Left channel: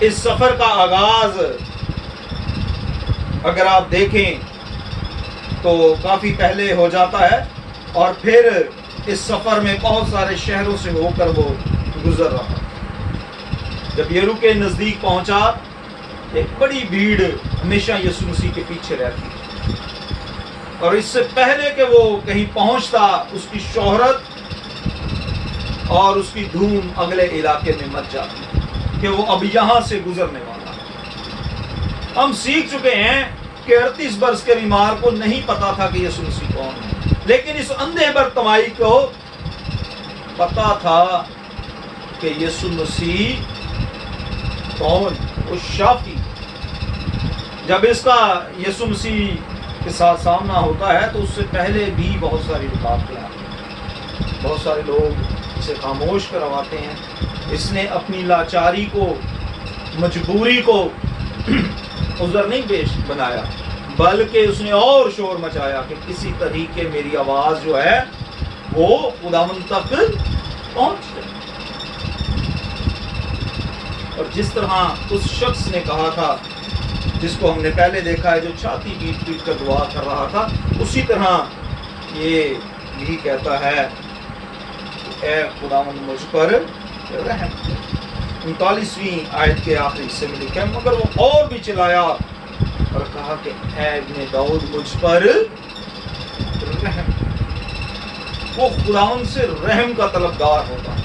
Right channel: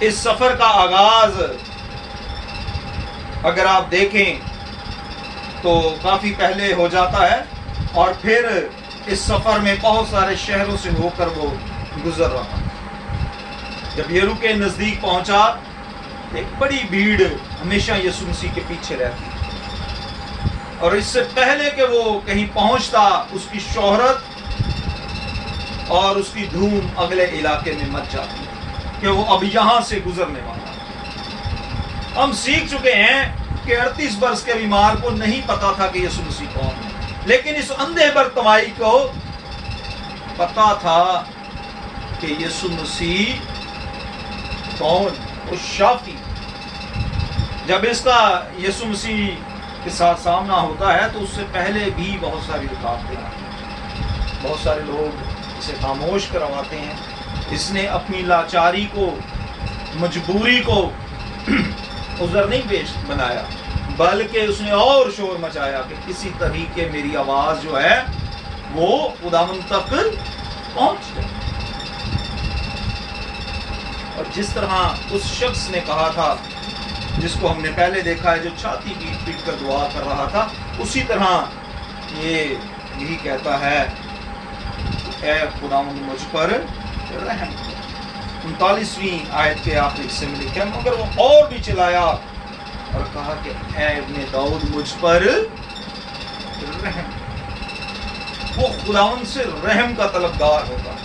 اس سفر کا آغاز اگر آپ دیکھیں تو کافی پہلے ہو جاتا ہے، اور پھر اس سفر میں بہت سارے شہروں سے ہو کر وہ گزر رہا۔ جب یریکو کے نزدیک پہنچا، ایک بڑی بھیڑ ہمیشہ یسوع مسیح کے پیچھے رہتی، اور اس سے پہلے کہ وہ کہیں پہنچتا، اس کی شہرت اور اس کی دھوم اگلے علاقے میں مچ جاتی کہ وہ اب یہاں سے گزرنے والا ہے۔ ہم سیکھ چکے ہیں کہ 38 برس کے بیمار کو نہیں پتا تھا کہ یسوع مسیح کون ہے، لیکن اس اندھے برتمائی کو پتا تھا کہ یسوع مسیح کون، وہ شافی۔ جب اس کا یسوع مسیح کے ساتھ سامنا ہوتا ہے تو اس سے پہلے بھی بہت ساری رکاوٹیں آتی ہیں، بہت سارے لوگ اسے خاموش کرواتے ہیں۔ اس نے اپنی لاچاری کو، مجبوری کو عذر نہیں پیش بنایا، بلکہ اس نے اور شور مچایا کہ کسی طریقے میری آواز جو ہے وہ خداوند تک پہنچ جائے۔ اور جس طرح اس شخص نے کہا تھا، جس کو ہم نے پہلے دیکھا ہے، جو چھاتی پیٹ پیٹ کر دعا کر رہا تھا، اسی طرح یہ یہی کہتا ہے، اے خداوند مجھ پر رحم۔ 39ویں آیت کے آخری حصے میں لکھا ہے، مگر وہ اور بھی چلایا اور کہا کہ اے ابن داؤد مجھ پر رحم۔ وہ خداوند سے رحم کا طلبگار ہوتا ہے،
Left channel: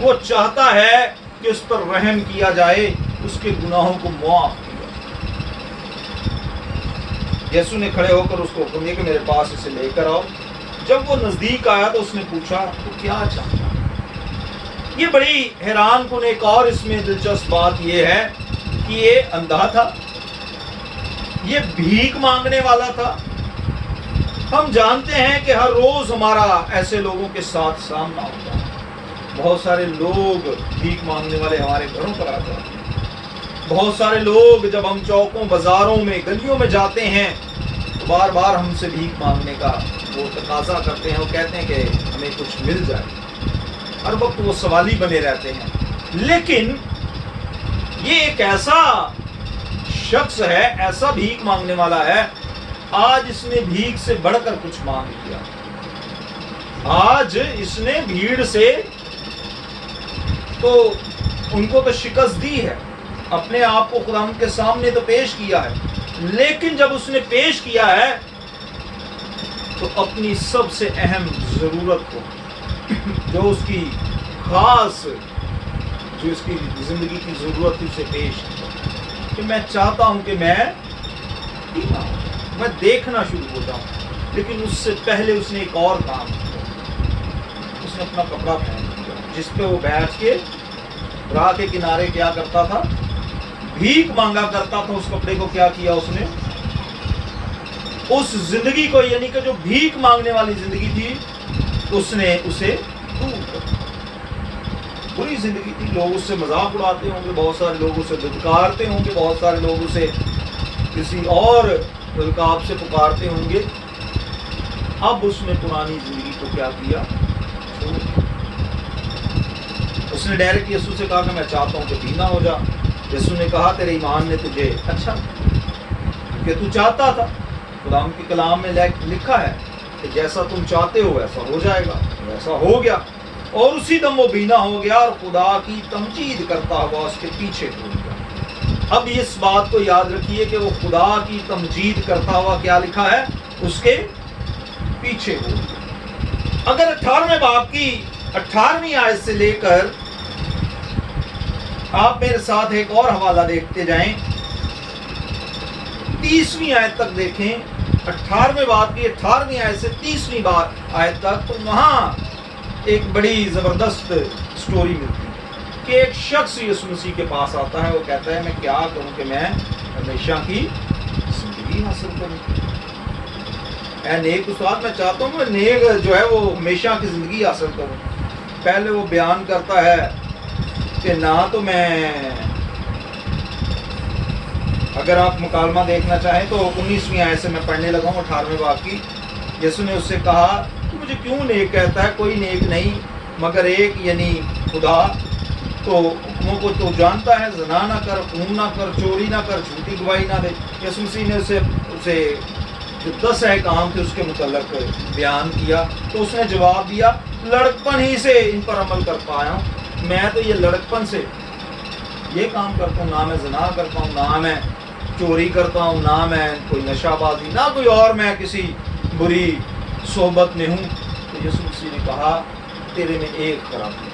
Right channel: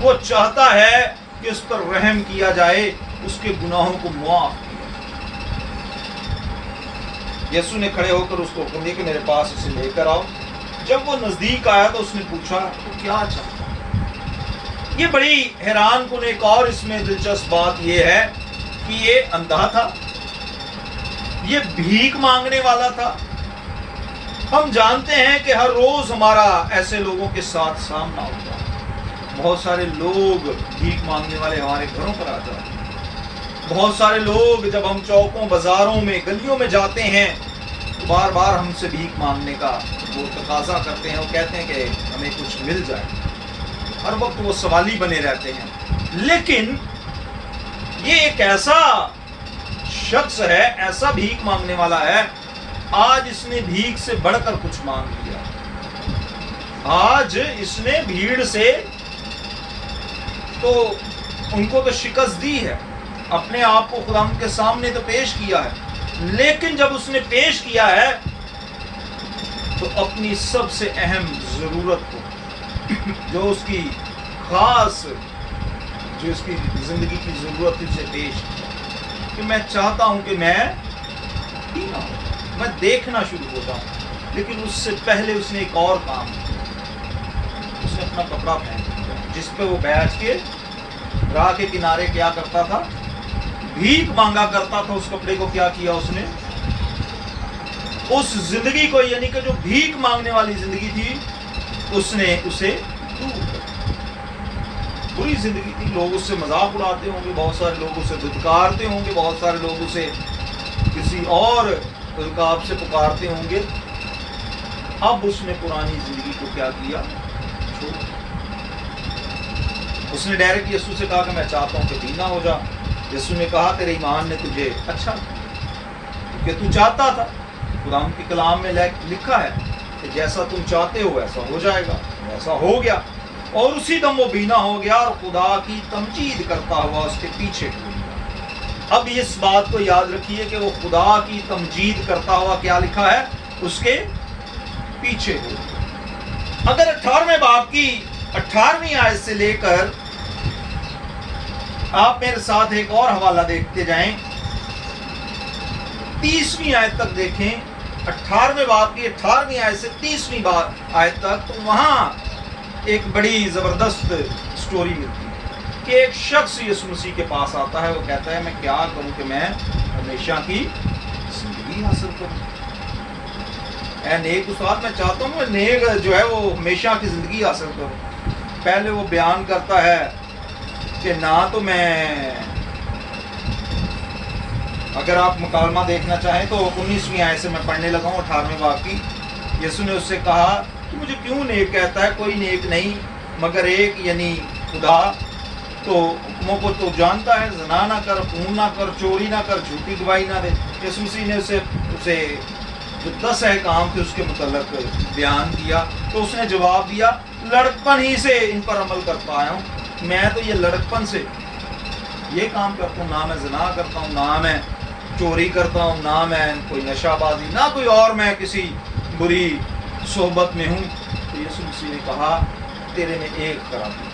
وہ چاہتا ہے کہ اس پر رحم کیا جائے، اس کے گناہوں کو معاف کیا جائے۔ یسوع نے کھڑے ہو کر اس کو حکم دیا کہ میرے پاس اسے لے کر آؤ۔ جب وہ نزدیک آیا تو اس نے پوچھا تو کیا چاہتا؟ یہ بڑی حیران کن ایک اور اس میں دلچسپ بات یہ ہے کہ یہ اندھا تھا، یہ بھیک مانگنے والا تھا۔ ہم جانتے ہیں کہ ہر روز ہمارا ایسے لوگوں کے ساتھ سامنا ہوتا ہے، بہت سارے لوگ بھیک مانگنے والے ہمارے گھروں پر آ جاتے ہیں، بہت سارے لوگ جب ہم چوکوں، بازاروں میں، گلیوں میں جاتے ہیں تو بار بار ہم سے بھیک مانگنے کا وہ تقاضا کرتے ہیں، وہ کہتے ہیں کہ ہمیں کچھ مل جائے، ہر وقت وہ سوالی بنے رہتے ہیں۔ لیکن یہ ایک ایسا شخص ہے، ایسا بھیک مانگنے والا ہے، آج اس نے بھیک سے بڑھ کر کچھ مانگ لیا۔ آج اس نے بھیڑ سے تو ان کو تو شکست دی ہے، اپنے آپ کو خدا کے سامنے تو پیش کیا ہے، لیکن جب اس نے پیش کیا ہے تو اپنی سب سے اہم ضرورت کو، جو اس کی خاص، جو اس کی زندگی کی ضرورت تھی، اسے پیش کیا کہ میں چاہتا ہوں کہ میں پینا ہوں، میں دیکھنا شروع ہو جاؤں۔ لیکن اس سے پہلے اس نے ایک اور کام کیا، اس نے اپنا کپڑا پہن لیا جس پہ وہ بیٹھ کے راہ کے کنارے کیا کرتا تھا، بھیک مانگا کرتا تھا۔ اس کپڑے کو کیا کیا اس نے؟ اس زندگی کو، یعنی کہ جو بھیک مانگنے والی زندگی تھی، اس نے اسے دور کر دیا۔ بری زندگی تھی، لوگ اس سے مذاق اڑاتے ہوں گے، بہت سارے لوگ اسے دھتکارتے ہوں گے، بہت سارے لوگ اسے کسی اور القاب سے پکارتے ہوں گے۔ اب اس نے پرانی زندگی کو کیا کیا؟ چھوڑ۔ اس نے ڈائریکٹ یسوع سے کہا کہ میں چاہتا ہوں کہ بینا ہو جا۔ یسوع نے کہا تیرے ایمان نے تجھے اچھا کہ تو چاہتا تھا، خدا کے کلام میں لکھا ہے کہ جیسا تم چاہتے ہو ویسا ہو جائے گا، ویسا ہو گیا، اور اسی دم وہ بینا ہو گیا اور خدا کی تمجید کرتا ہوا اس کے پیچھے ہو گیا۔ اب اس بات کو یاد رکھیے کہ وہ خدا کی تمجید کرتا ہوا کیا لکھا ہے؟ اس کے پیچھے ہو گیا۔ اگر 18ویں باب کی 18ویں آیت سے لے کر آپ میرے ساتھ ایک اور حوالہ دیکھتے جائیں، 30ویں آیت تک دیکھیں، 18ویں باب کی 18ویں آیت سے 30ویں آیت تک، تو وہاں ایک بڑی زبردست سٹوری ملتی ہے کہ ایک شخص یسوع مسیح کے پاس آتا ہے، وہ کہتا ہے میں کیا کروں کہ میں ہمیشہ کی زندگی حاصل کروں؟ اے نیک استاد، میں چاہتا ہوں میں نیک جو ہے وہ ہمیشہ کی زندگی حاصل کروں۔ پہلے وہ بیان کرتا ہے کہ نہ تو میں، اگر آپ مکالمہ دیکھنا چاہیں تو 19ویں آیت سے میں پڑھنے لگا ہوں 18ویں باب کی۔ یسوع نے اس سے کہا کہ مجھے کیوں نیک کہتا ہے؟ کوئی نیک نہیں مگر ایک، یعنی خدا۔ تو حکموں کو تو جانتا ہے، زنا نہ کر، خون نہ کر، چوری نہ کر، جھوٹی گواہی نہ دے۔ یسوع مسیح نے اسے جو 10 احکام تھے اس کے متعلق بیان کیا، تو اس نے جواب دیا لڑکپن ہی سے ان پر عمل کر پایا ہوں، میں تو یہ لڑکپن سے یہ کام کرتا ہوں، نہ میں زنا کرتا ہوں، نہ میں چوری کرتا ہوں، نہ میں کوئی نشہ بازی، نہ کوئی اور میں کسی بری صحبت میں ہوں۔ تو یسوع مسیح نے کہا تیرے میں ایک خرابی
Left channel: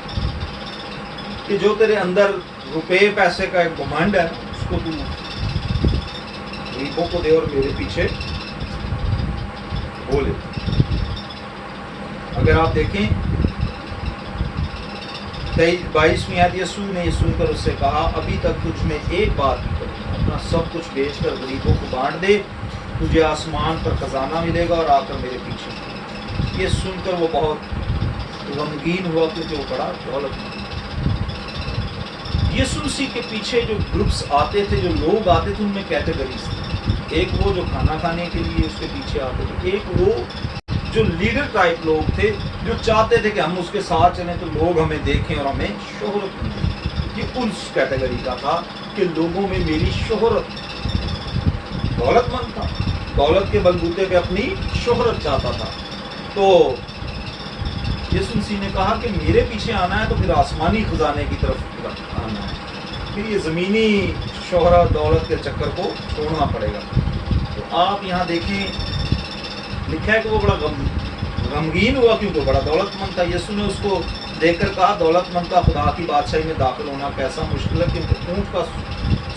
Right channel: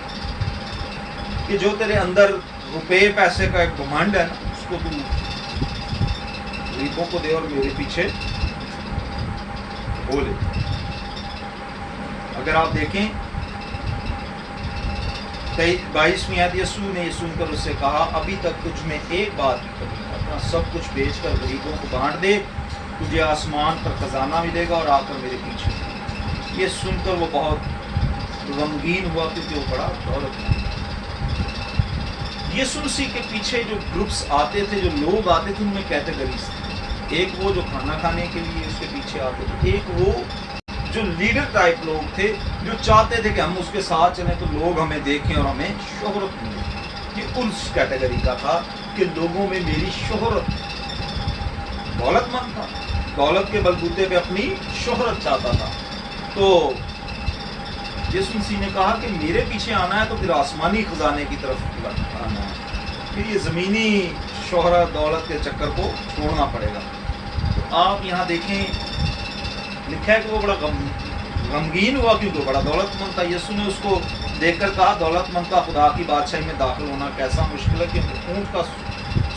کہ جو تیرے اندر روپے پیسے کا ایک گھمنڈ ہے اس کو تو غریبوں کو دے اور میرے پیچھے ہو لے۔ اگر آپ دیکھیں 22ویں آیت، یسوع نے یہ سن کر اس سے کہا ابھی تک تجھ میں ایک بات ہی کروں، اپنا سب کچھ بیچ کر غریبوں کو بانٹ دے، تجھے آسمان پر خزانہ ملے گا اور آ کر میرے پیچھے۔ یہ سن کر وہ بہت غمگین ہوا کیونکہ وہ بڑا دولت مند۔ یسوع مسیح کے پیچھے جو گروپس آتے تھے، جو لوگ آتے تھے، ان میں کیٹیگریز تھے۔ ایک وہ جو کھانا کھانے کے لیے اس کے پیچھے آتے تھے، ایک وہ جو لیڈر ٹائپ لوگ تھے جو چاہتے تھے کہ ہم اس کے ساتھ چلیں تو لوگ ہمیں دیکھیں اور ہمیں شہرت ملے۔ یہ اس کیٹیگری کا تھا کہ لوگوں میں میری شہرت، دولت مند تھا، دولت کے بلبوتے پہ اپنی شہرت چاہتا تھا۔ تو یسوع مسیح نے کہا کہ میرے پیچھے آنا ہے تو پھر آسمانی خزانے کی طرف آنا ہے، پھر یہ زمینی شہرت دولت کے چکر کو چھوڑنا پڑے گا۔ تو آپ یہاں دیکھیں لکھا ہے کہ وہ بڑا غمگین ہوا کیونکہ بڑا دولت مند تھا۔ یسوع نے اس کو دیکھ کر کہا دولت مند کا خدا کی بادشاہی میں داخل ہونا کیسا مشکل ہے، کیونکہ اونٹ کا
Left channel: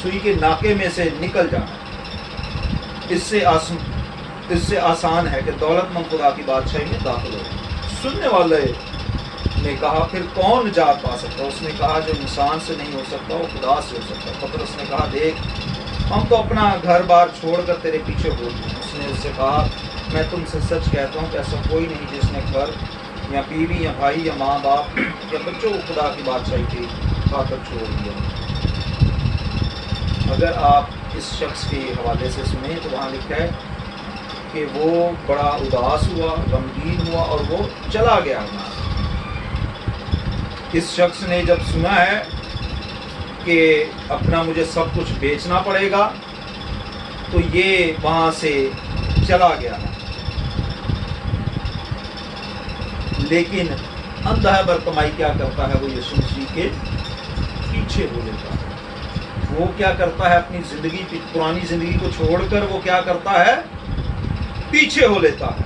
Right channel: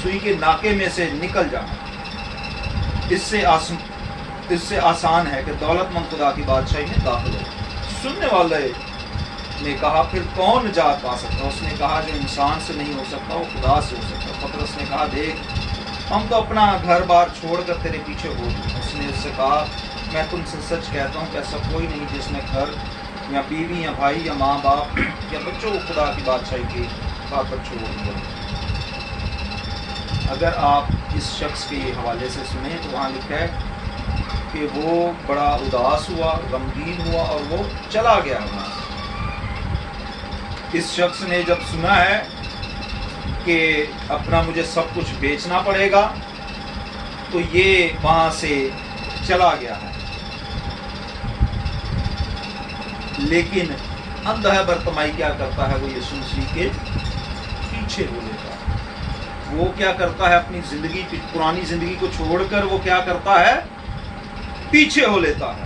سوئی کے ناکے میں سے نکل جانا اس سے آسان ہے کہ دولت مند خدا کی بادشاہی میں داخل ہو۔ سننے والے نے کہا پھر کون نجات پا سکتا؟ اس نے کہا جو انسان سے نہیں ہو سکتا وہ خدا سے ہو سکتا۔ پطرس نے کہا دیکھ ہم تو اپنا گھر بار چھوڑ کر تیرے پیچھے ہو گئے۔ اس نے اس سے کہا میں تم سے سچ کہتا ہوں کہ ایسا کوئی نہیں جس نے گھر یا بیوی یا بھائی یا ماں باپ یا بچوں کو خدا کی بادشاہی کی خاطر چھوڑ دیا۔ اگر آپ اس شخص کے حوالے سے سنیں تو وہاں لکھا ہے کہ وہ بڑا اداس ہوا، غمگین ہوا اور وہ چلا گیا وہاں۔ اس شخص نے جب سنا ہے کہ اپنا مجھے سب کچھ بیچنا پڑے گا تو یہ وہاں سے چلا گیا ہے۔ لیکن اندھا برتمائی کیا کرتا ہے؟ وہ یسوع مسیح کے پیچھے ہو لیتا ہے۔ وہ کیا کرتا ہے؟ اپنی زندگی، پرانی زندگی کو چھوڑ کر وہ کیا کرتا ہے؟ پیچھے ہو لیتا ہے۔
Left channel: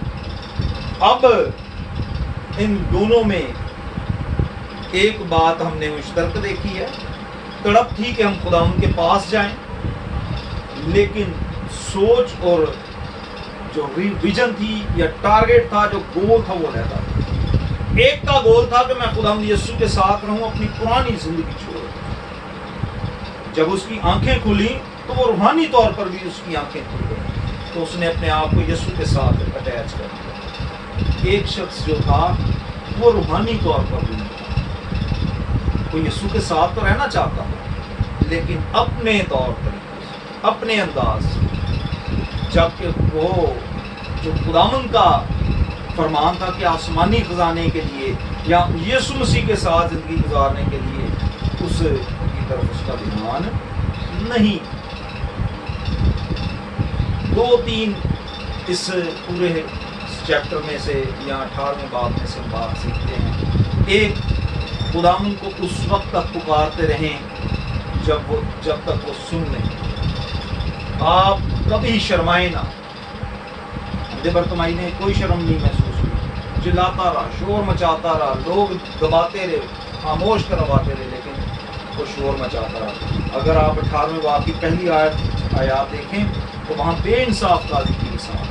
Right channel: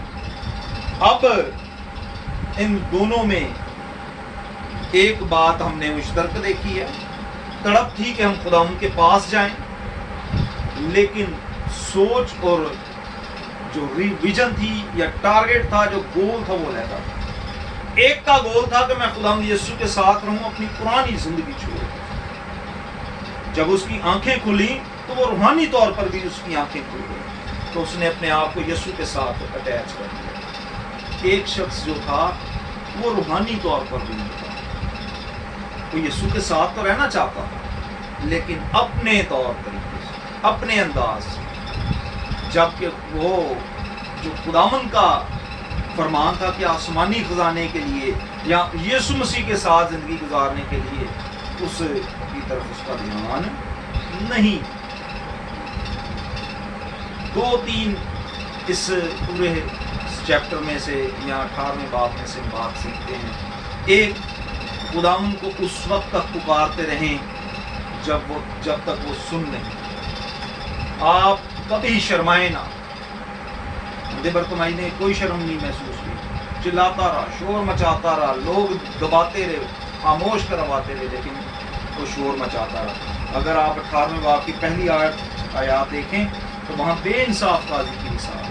اب ان دونوں میں ایک بات ہم نے مشترک دیکھی ہے، تڑپ تھی کہ ہم خدا ان کے پاس جائیں، لیکن سوچ اور جو ویژن تھی یا ٹارگٹ تھا، جو گول تھا وہ رہتا تھا۔ ایک کا گول تھا کہ میں خدا یسوع کے ساتھ رہوں، اپنی پرانی زندگی چھوڑ۔ جب اس کی آنکھیں کھلی تو وہ روحانی طور پر بھی اس کی آنکھیں کھل گئی، تو اس نے اپنے آپ کو یسوع کے ساتھ اٹیچ کر دیا۔ ایک شخص جو تھا وہ روحانی طور پر بھی نہیں تھا، وہ یسوع کے ساتھ تو رہنا چاہتا تھا لیکن اپنے طور طریقے سے، اپنے انداز سے، جبکہ وہ جو خداوند کا فرمان تھا کہ آسمانی خزانے کے لیے یا یسوع مسیح کے ساتھ زندگی گزارنے کے لیے اس کی طرف اس کا دھیان نہیں۔ 2-3 اس پورے چیپٹر میں سے یا 18ویں باب میں سے بات سیکھتے ہیں۔ ایک، خداوند کو اس وقت تک پکارتے رہیں جب تک وہ سن نہیں۔ آپ کبھی شرمائے نہ۔ اندھے برتمائی نے کوئی شرم نہیں محسوس ہوئی، چلاتا رہا، شور مچاتا رہا، لوگ دباتے رہے، خاموش کرواتے رہے، لیکن وہ شور مچاتا رہا۔ اگر آپ 18ویں باب کی پہلی آیات دیکھیں تو وہاں بے انصاف قاضی کی مثال،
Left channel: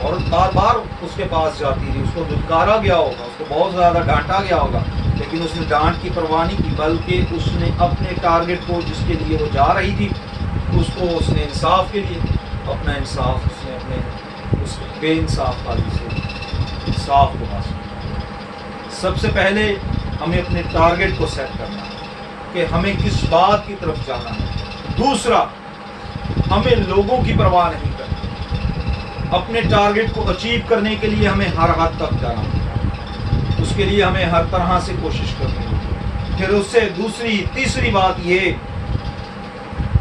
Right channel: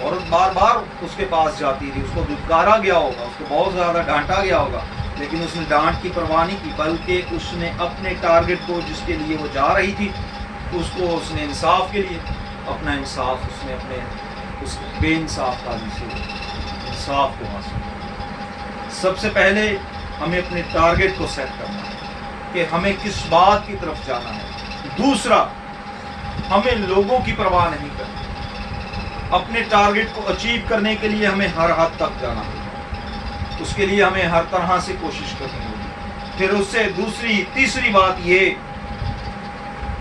عورت بار بار اس کے پاس جاتی تھی، اس کو دھتکارا گیا ہوگا، اس کو بہت زیادہ ڈانٹا گیا ہوگا، لیکن اس نے ڈانٹ کی پرواہ نہیں کی، بلکہ اس نے اپنے ٹارگٹ کو جس کے لیے وہ جا رہی تھی اس نے انصاف کے لیے اپنا انصاف، اس نے اپنے اس بے انصاف قاضی سے انصاف کو حاصل کیا۔ سب سے پہلے ہمیں اپنے ٹارگٹ کو سیٹ کرنا ہے کہ ہمیں کس بات کی طرف جانا ہے۔ دوسرا، ہمیں لوگوں کی پرواہ نہیں کرنی، اپنے ٹارگٹ کو اچیو کرنے کے لیے ہمیں ہر حد تک جانا ہوگا، اس کے لیے ہمیں ہر طرح سے کوشش کرنی ہوگی۔ پھر اس سے تیسری بات یہ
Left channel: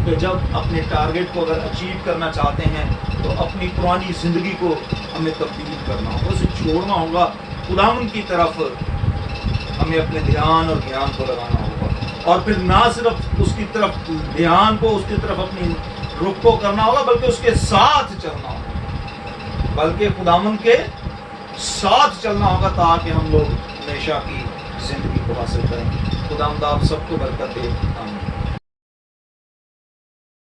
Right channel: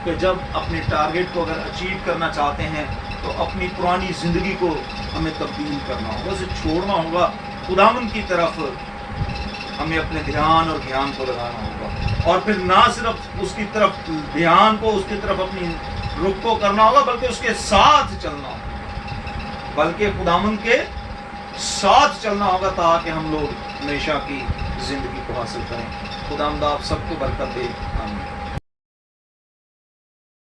کہ جب اپنے ٹارگٹ کو اگر اچیو کرنا چاہتے ہیں تو اپنی پرانی زندگی کو ہمیں تبدیل کرنا ہوگا، اسے چھوڑنا ہوگا، خداوند کی طرف ہمیں اپنے دھیان اور گیان کو لگانا ہوگا، اور پھر نہ صرف اس کی طرف دھیان کو، اس کی طرف اپنی رخ کو کرنا ہوگا، بلکہ اس کے ساتھ چلنا ہوگا، بلکہ خداوند کے ساتھ چلنا ہوگا تاکہ ہم لوگ ہمیشہ کی زندگی کو حاصل کریں۔ خداوند آپ سب کو برکت دے، آمین۔